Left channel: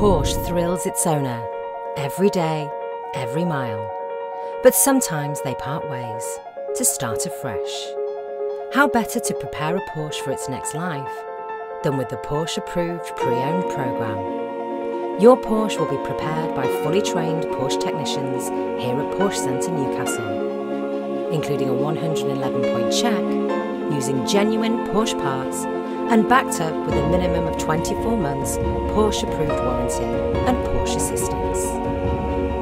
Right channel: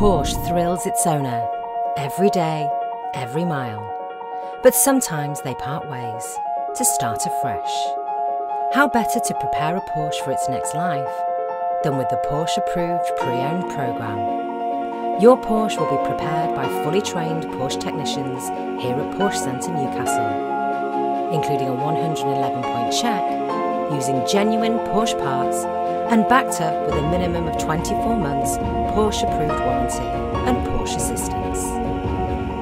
Porsche thrills its owner every day, every mile. But sometimes they part ways to start afresh. How better to prepare a Porsche for its next life than with the Porsche-approved pre-owned programme? Your Porsche will be prepared by fully trained Porsche technicians here at Porsche Centre Newcastle, including a 111-point check, using genuine Porsche parts and backed up with a minimum of 24 months Porsche-approved warranty and Porsche assistance.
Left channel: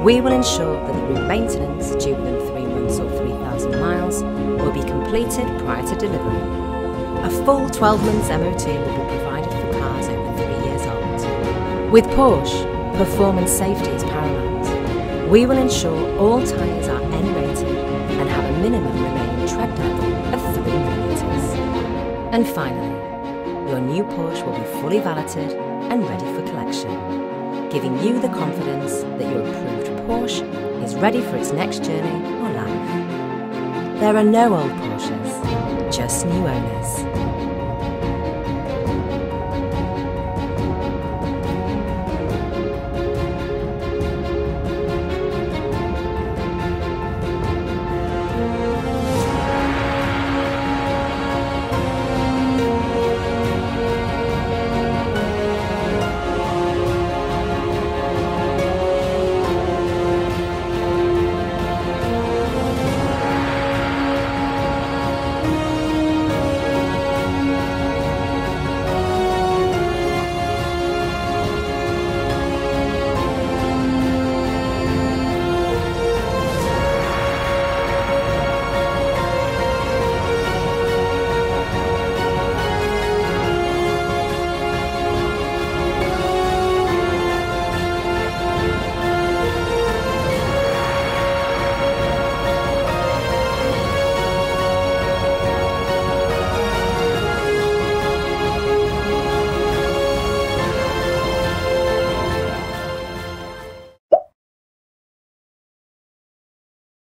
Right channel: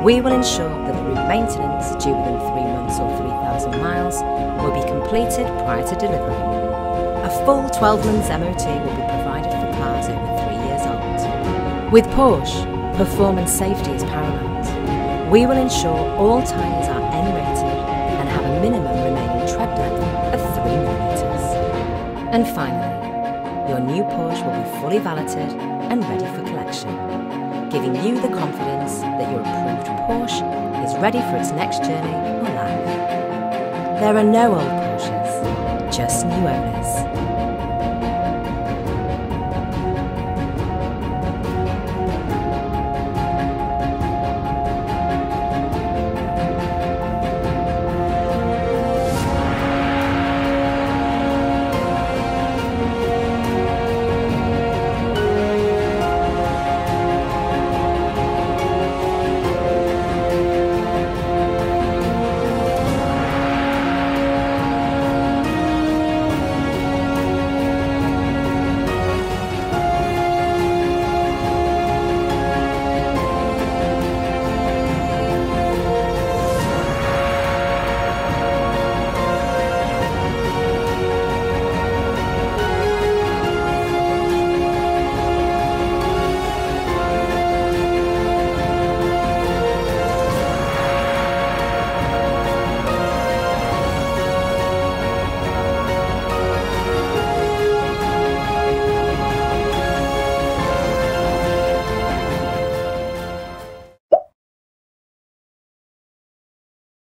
We will ensure that the route maintenance due within 3 months or 3,000 miles will be completed prior to delivery. A full 12 months MOT will be provided for cars over 3 years old. With Porsche, performance safety is paramount. We will ensure all tyres are N-rated and have a minimum remaining tread depth of 3 millimetres. And finally, your new Porsche will be fully valeted and ready for collection, giving you the confidence that your approved Porsche is ready for its next journey or life. There are no old Porsches, just new owners.